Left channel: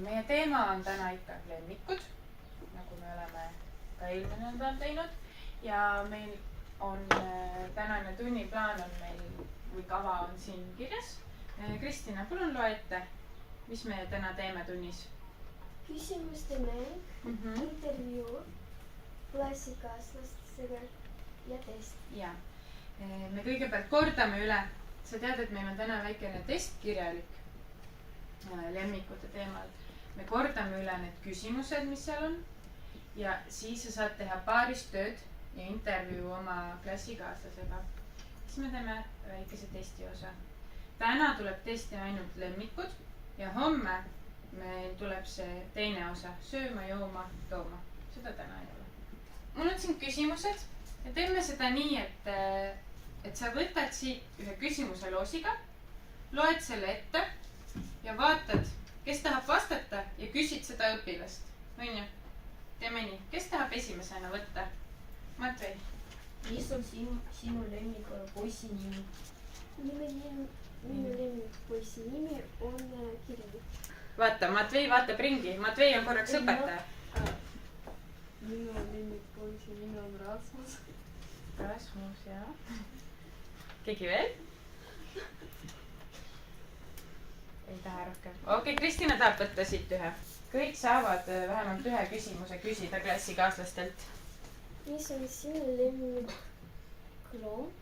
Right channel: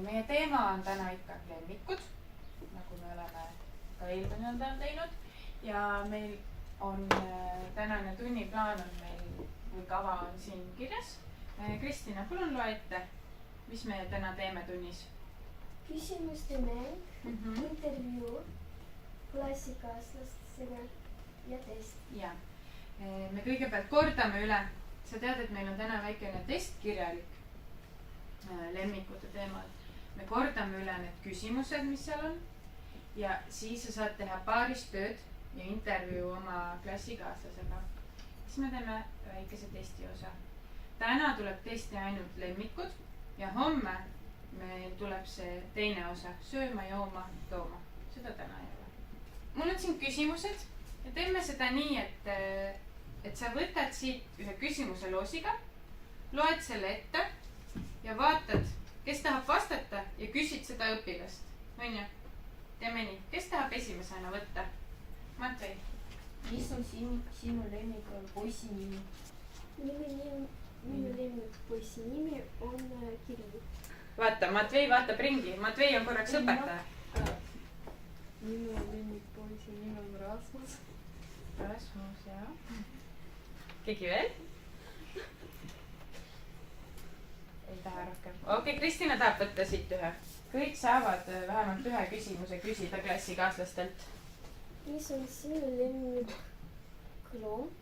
Meie teema on täna ikka lemmikud, nagu me oleme ka eelmine nädal teinud. Ja meil on tänane tunniplaan on meil või kava on siin kirjas. Kristina, palun loe ette, mis me täna teeme tunnis? Küsimuste mäng, intervjuu, klassikaaslastega ja test. Ja, me kõigepealt kordame üle. Sa tead, et meil on täna väikene test kirjalik lemmikute teemal. Me kordame üle need küsimused, mis seal on. Ja siis sa saad teha paarist tööd ja intervjuu oma klassikaaslasega. Siis me teeme väikese testi osa. Täna tuleb testi ainult lemmikud ja homme meil tuleb see teine osa, sööma, jooma, tooma. Seda täna ei ole. Mul on siin küsimused ja teeme seda nii, et sa võtad siit ühe küsimuse loosiga, loed selle ette ja vaatad, kes tahab vastata ja küsid seda õpilast. On ju? Teeme nii. Kes tahab esimesena võtta? Matvei. Mis on sinu lemmik poisi nimi? Minu lemmik poisi nimi on Kirill. Vaata, Matvei vaatab ringi. Matvei on korraks õpetaja. Minu lemmik poisi nimi on Rasmus. Rasmus, jah. Keegi veel? Ei taha rohkem. Okei, Kristina tahab võtta siit ühe. Kõik saavad vähemalt ühe küsimuse küsida klassikaaslastelt. Mis on sinu lemmik loom?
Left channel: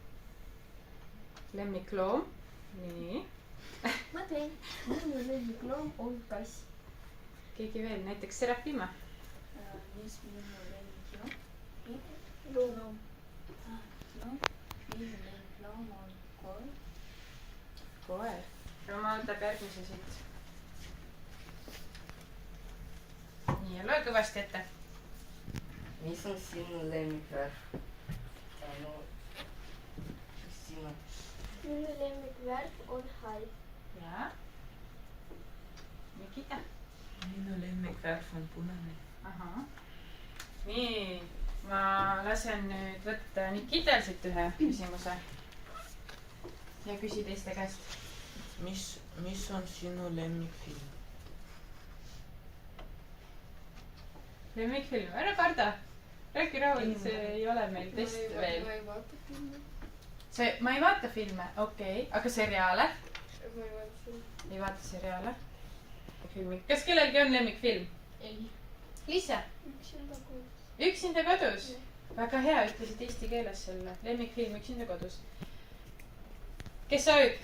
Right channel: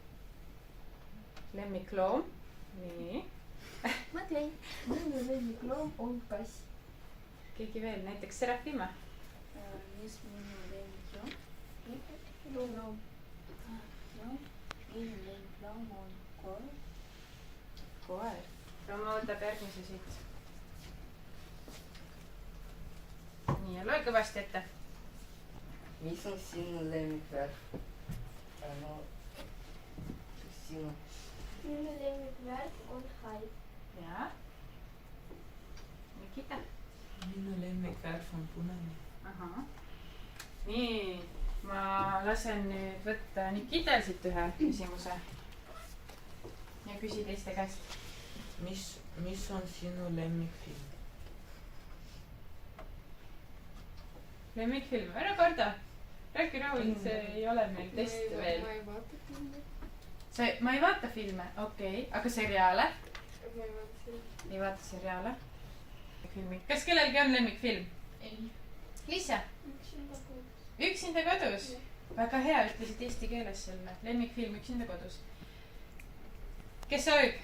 Lemmikloom. Nii. Matvei. Minu lemmik loom on kass. Keegi veel, näiteks Serafima. Mis minu lemmik loom? Loom. Minu lemmik loom on koer. Koer. Roma võtab järgmise siit. Nii, ja loe kõvasti ette. Mis on sinu lemmikvärv? Sinu. Minu lemmikvärv on hall. Ja. Nikita. Minu lemmikvärv on punane. Aha. Nii, ma lasen nüüd võtta Nikitel siit ühe küsimuse. Ja küsi teiste käest. Mis on sinu lemmikfilm? Lemmikfilm, ära karda. Räägi rahul, see ei ole meil test veel. Ma ei vaata filme. Ma ei vaata filme, okei. Aga seriaale? Ma ei vaata filme. Ei vaata seriaale. Kas kellelgi on lemmikfilm? Ei. Liisa? Üksinda kodus. Üksinda kodus? Väga hea, ütlesid eesti keeles selle. Lemmikfilm Üksinda kodus. Kes soovib?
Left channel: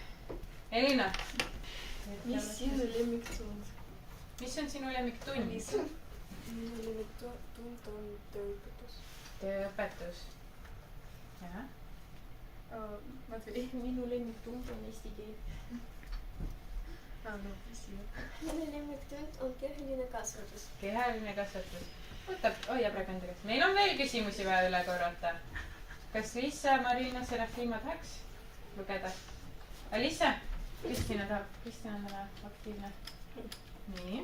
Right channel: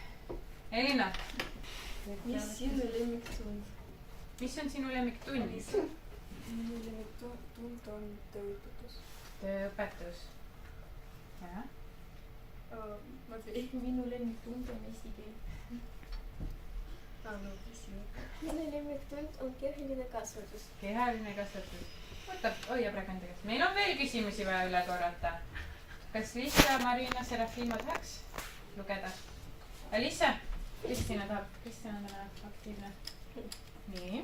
Elina? Mis sinu lemmiktund? Mis on sinu lemmiktund? Minu lemmiktund on tööõpetus. Tööõpetus. Jah. Minu lemmiktund on eesti keel. Minu lemmiktund on kehaline kasvatus. Kehaline kasvatus. Hoia praegu enda käes. Meil on veel küsimusi vaja üle korrata. Kas Liisa, Marina, Serafima tahaks lugeda? Liisa? Kristina tahab. Kristina on täna aktiivne. Nii.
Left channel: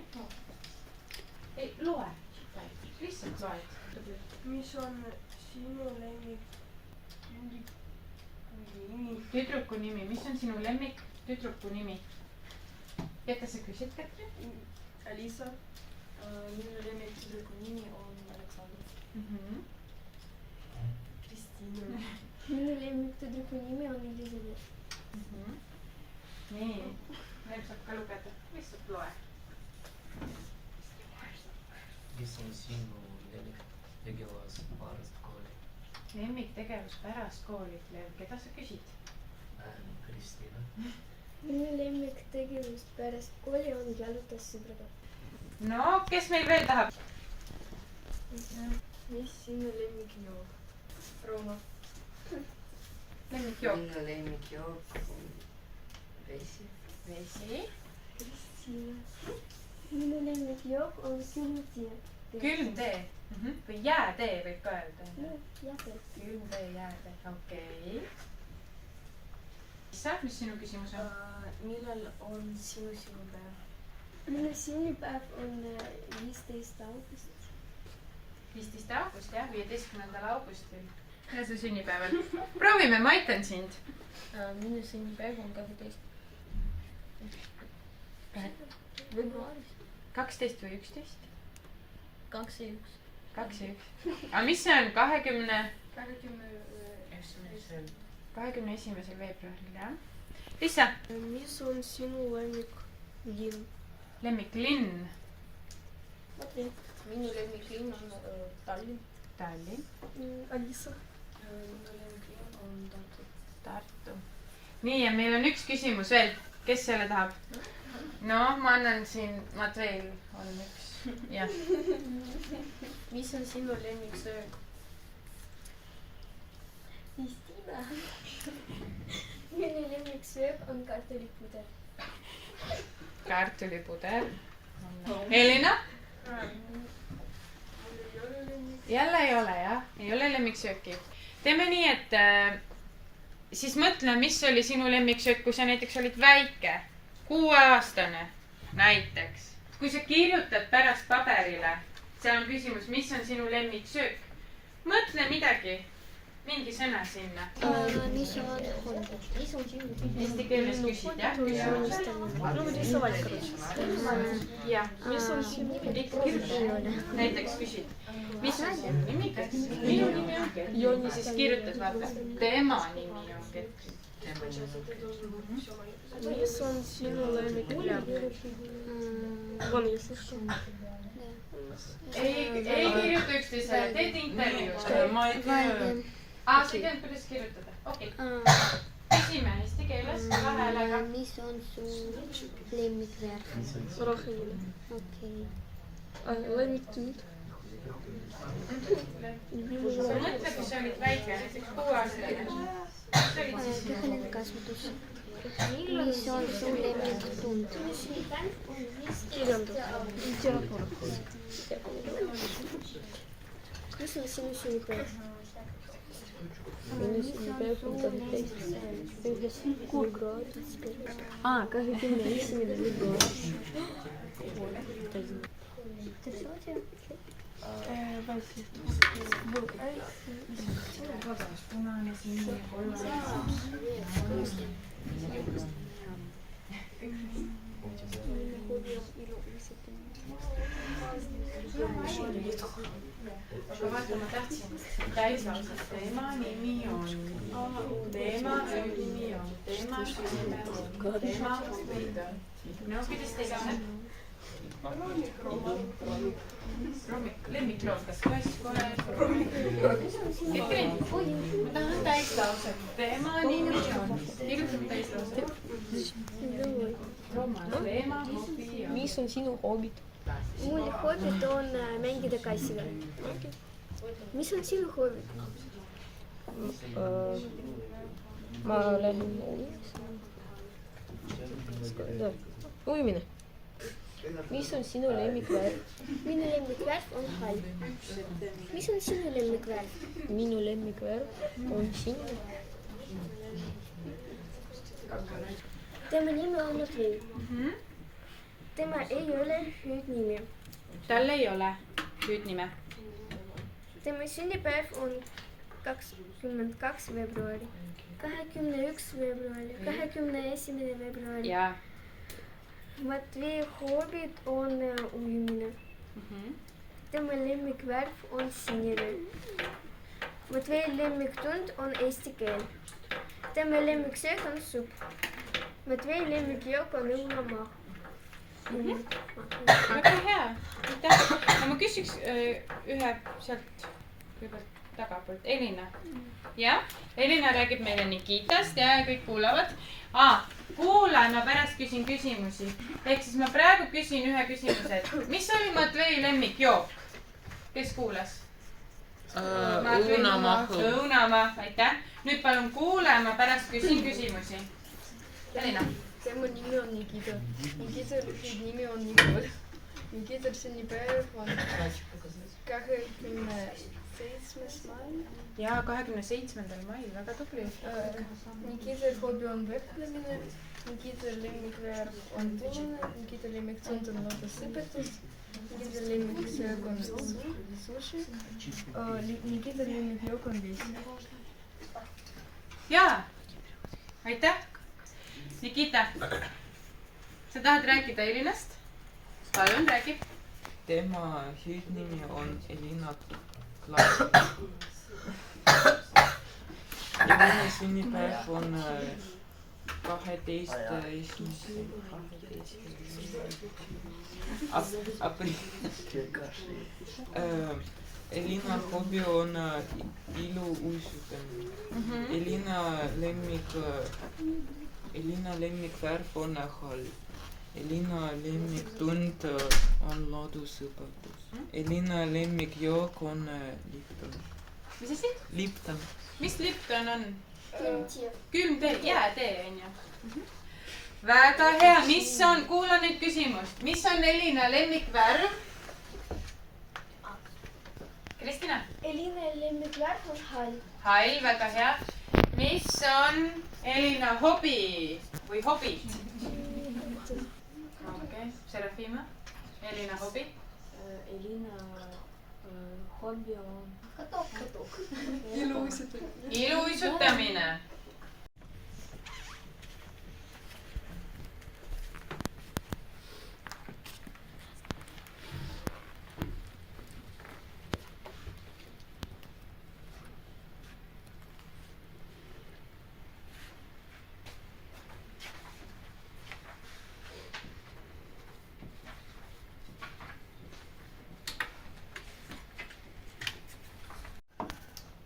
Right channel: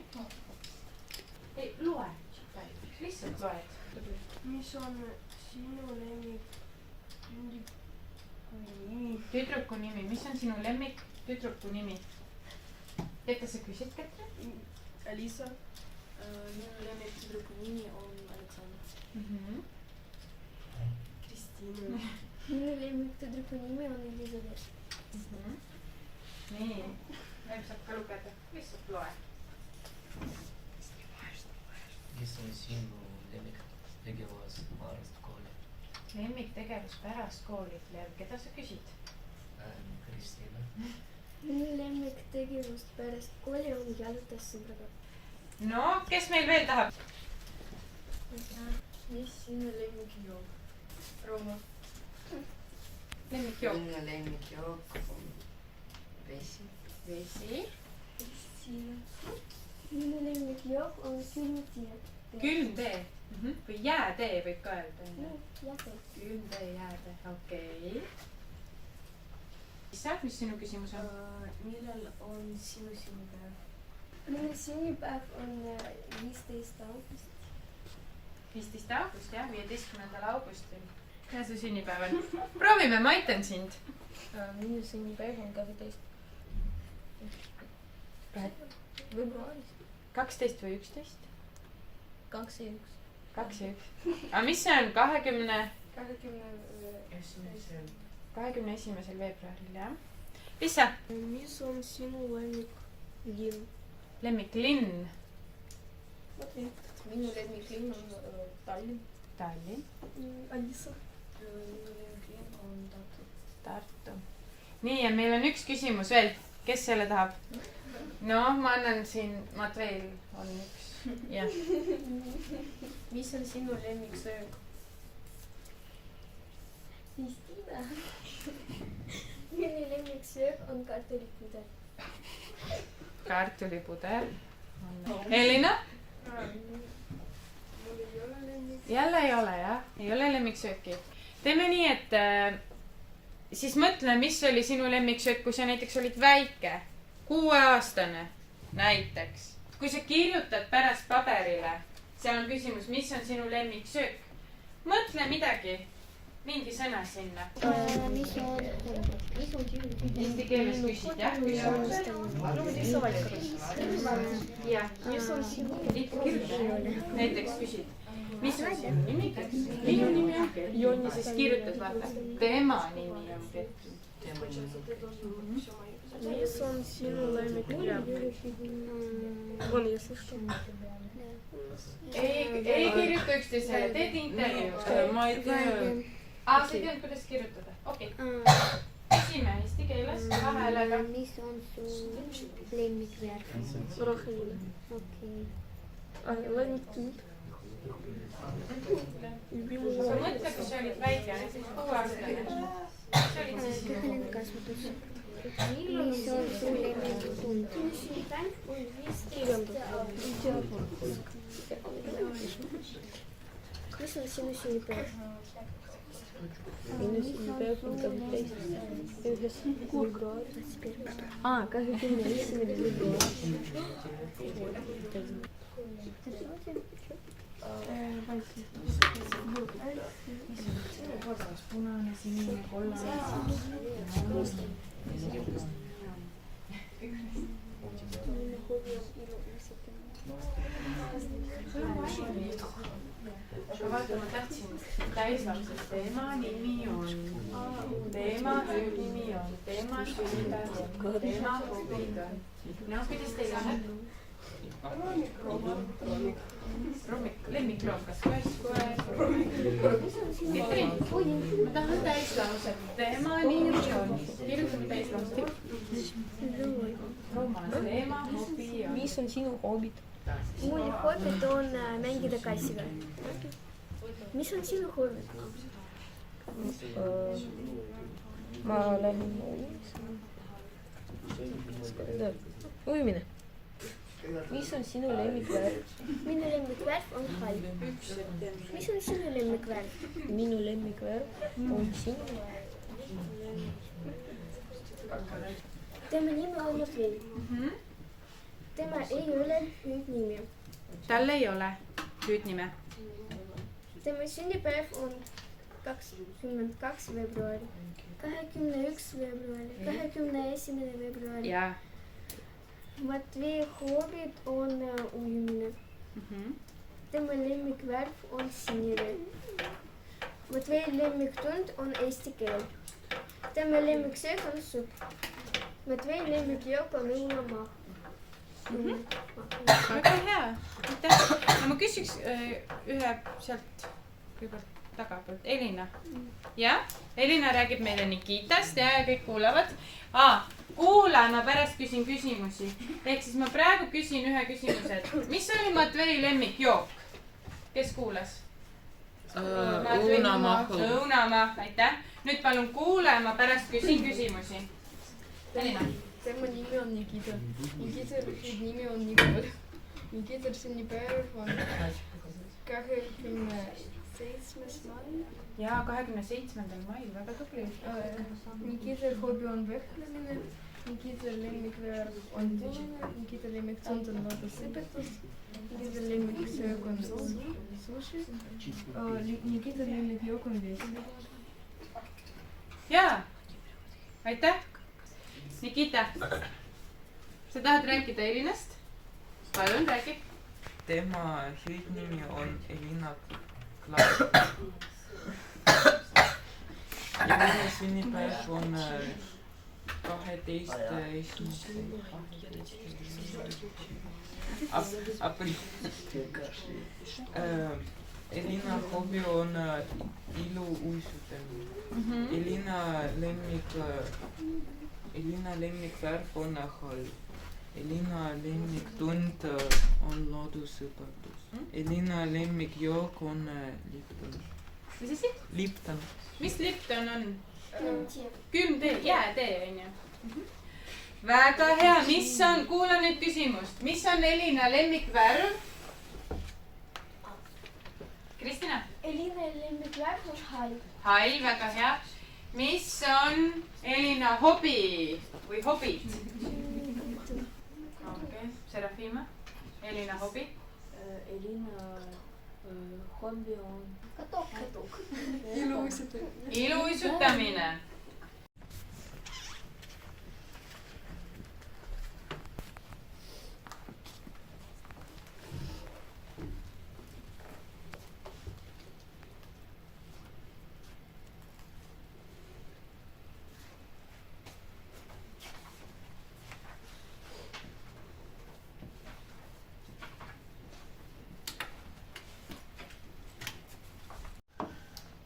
Ei, loe. Lihtsalt loed. Mis on sinu lemmik? Tüdruku nimi. Mis on sinu lemmik tüdruku nimi? Kas sa küsid, Katri? Alisa. Minu lemmik tüdruku nimi on Aleksandr. Kristina. Minu lemmik tüdruku nimi on Elisabeth. Nii. Meil saab ka lugeda. Lihtsalt loe. Kes on sinu lemmiktegevus pärast kooli? Lemmiktegevus pärast kooli. Keda sa küsid? Kristina. Minu lemmiktegevus pärast kooli on jalutas sõbraga. No, kes meil veel tahab? Mis sinu lemmikjook? Rooma. Lemmikjook. Minu lemmikjook on vesi. Vesi. Kristina. Minu lemmikjook on külmtee. Külmtee. Või jäätee võib ka öelda. Jäätee. Külmtee, jäätee. Okei. Liisa, mis sinu küsimus on? Millal on sinu sünnipäev? Minu sünnipäev on 15. august. 15. august, jah, 15. augustil. Ja see sünnipäev on. Proovime, ma aitan sind. Minu sünnipäev on 12. veebruaris. 12 või 11? 2 ja 1. 2 ja 1. aga mis see on 21. veebruaril, jah? Liisa, mis on sinu lemmiklinn? lemmiklinn? Minu lemmiklinn on Tallinn. Tallinn. Alisa. Minu lemmiklinn on Tartu. Tartu. nii, ja meil on üks küsimus veel. Kes selle tahab? no, ma annan siin, Matveil on üks. jah. Mis on sinu lemmiksöök? Vist ime. Minu lemmiksöök on kartulipuder. Kartulipuder. Elina? jälle ei ole, jah? ei ole lemmiksööki. teeme nii, et siis mõtle, mis oli sinu lemmiksöök, kui sa näiteks olid väike, 6-aastane näiteks. kui sa kirjutad pärast paberile, seal on küsimus, mis on sinu lemmiksöök. mõtle midagi, mingi sõna sinna. Mis on Eesti keeles küsid, jah? jah. Mis on sinu näiteks küsid, mis on sinu nimi? minu nimi on Ketrin. siis kirjutad, vaata, tema nimi on Ketrin. Mis on sinu lemmiklärm? Von если ei kirjuta üksteisele, teed intervjuu. ma ei tea. sa ei teadnud, kuidas kirjutada? okei. küsime eesti keeles kahe häälega. mis on su lemmikvärv? roheline. okei. Lemmiktund. mõtle, kui sa olid väike, näiteks 6-aastane. Kehaline kasvatus. mis on su lemmiktund? Kirjandus. Mis on sinu sünnipäev? Minu sünnipäev on 21. veebruar. 21. veebruar. punane, sinine, kollane. aga vaata, ma tahtsin täislapsed, tema nimi on, tema töönimi on, tema sünnipäev on, tema hobid on. no kuidas tegema? lemmikloom, kas kass, koer? Ketrin, ma tahan täislauset. tema nimi on, kirjutame täislauset. Roman, tema hobi on. Mis on sinu hobid? mul hobid on mängida kassidega. mis on sinu hobid? Ma lähen ujumine. Mis on sinu lemmikvärv? minu lemmikvärv on hall. mis on sinu lemmikvärv? Minu lemmikvärv on sinine. tema nimi on Matvei. tema ei ole hüüdnimi. tal ei ole hüüdnime. tema sünnipäev on 22 veebruari, 21 veebruari, 21. veebruari. jaa. Matvei hobid on ujumine. tema lemmikvärv on sinine. Matvei lemmiktund on eesti keel. tema lemmiksöök on supp. Matvei lemmikjook on õunamaa. väga hea, aitäh. no ma küsiks ühe sealt kõigepealt tagapoolt, Elina. jah, Elina räägib meile Nikitast ja kõik kuulavad. kuula, ma pärast küsin küsimusi. ehk siis ma praegu küsin ühe küsimuse, et mis oli Matvei lemmikjook? kes kuulas? õunamaa. õunamaa, aitäh. nüüd palun kuula, ma pärast küsin küsimusi. Elina. Tema nimi on Nikita. Nikital nimi on Nikol. Nikital sünnipäev on 27. mail. jaa, 27. mail, väga tubli. Nikital hobi on vehklemine. Nikital lemmikvärv on punane. Nikital lemmiktund on loodusõpetus. Nikital lemmiksöök on sushi. Nikital lemmikjook on vesi. jaa, aitäh. Nikita, sa tahad rääkida Elinast? palun räägi. tema hüüdnimi on Elina Klaas. Elina sünnipäev on 12. aprill. Elina hobi on iluuisutamine. Elina lemmikvärv on hall. Elina lemmiktund on loodusõpetus. Elina lemmikjook on Lipton. mis asi? Lipton. mis Lipton on? Tee. külm tee, jäätee on ju. väga hea, mis on, kuula nüüd küsimust, mis on Elina lemmikvärv? Kristina? Elina lemmikvärv on hall. hall, väga hea. mis on Elina hobi või hobid? okei, Serafima? Elina hobi? Elina hobi on Katok. iluuisutamine.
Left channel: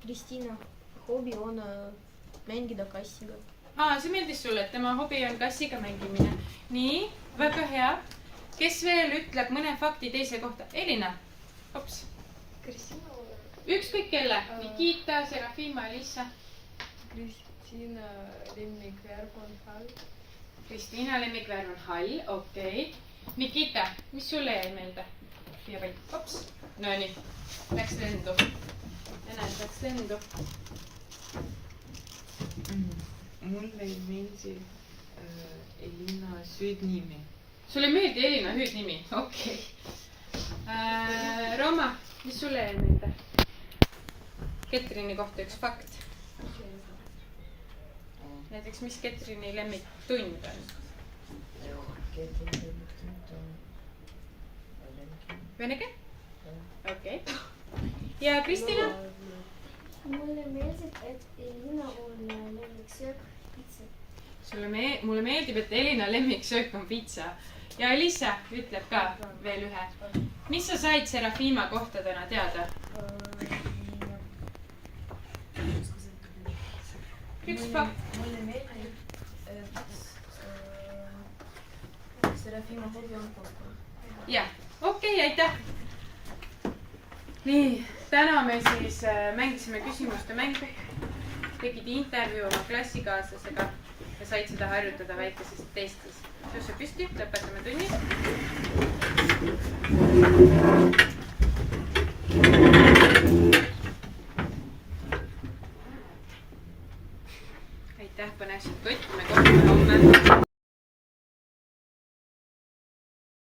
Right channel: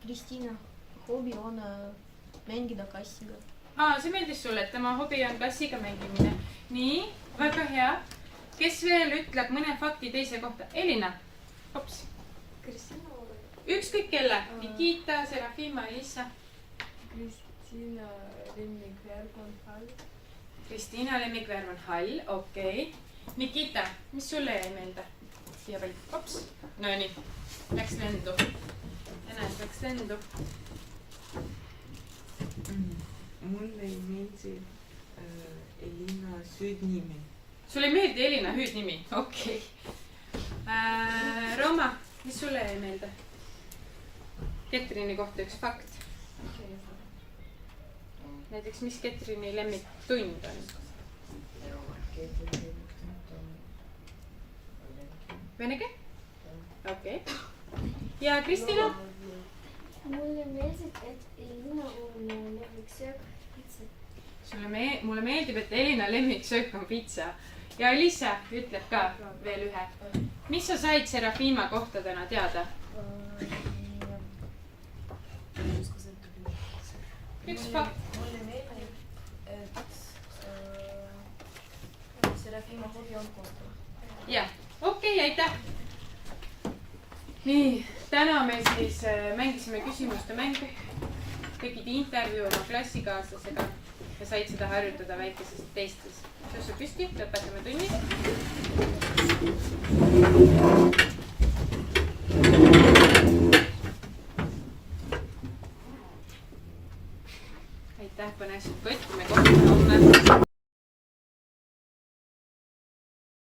Kristina hobi on mängida kassiga. see meeldis sulle, et tema hobi on kassiga mängimine. nii, väga hea. kes veel ütleb mõne fakti teise kohta? Elina, hops. ükskõik kelle. Nikita, Serafima, Elisa. Kristina lemmikvärv on hall. Kristiina lemmikvärv on hall, okei. Nikita, mis sulle jäi meelde? siia peal, hops. Nonii, läks lendu. näed, läks lendu. Mulle ei meeldi Elina süüdnimi. sulle ei meeldi Elina hüüdnimi? okei. Rooma, mis sulle jäi meelde? Ketrini kohta üks fakt. näiteks, mis Ketrini lemmiktund on? vene keel? okei. ja Kristina? Mulle meeldib, et Elina on lemmiksöök pitsa. mulle meeldib, et Elina lemmiksöök on pitsa. ja Elisa ütleb ka veel ühe. mis sa said Serafima kohta täna teada? üks fakt. Mulle meeldib, et Serafima hobi on koostöö. jah, okei, aitäh. nii, täna me siis mängisime küsimuste mängu. tegid intervjuu oma klassikaaslasega ja said seda harjutada väikeses testis. tõuse püsti, lõpetame tunni. aitäh, põnev kott, me kohtume homme.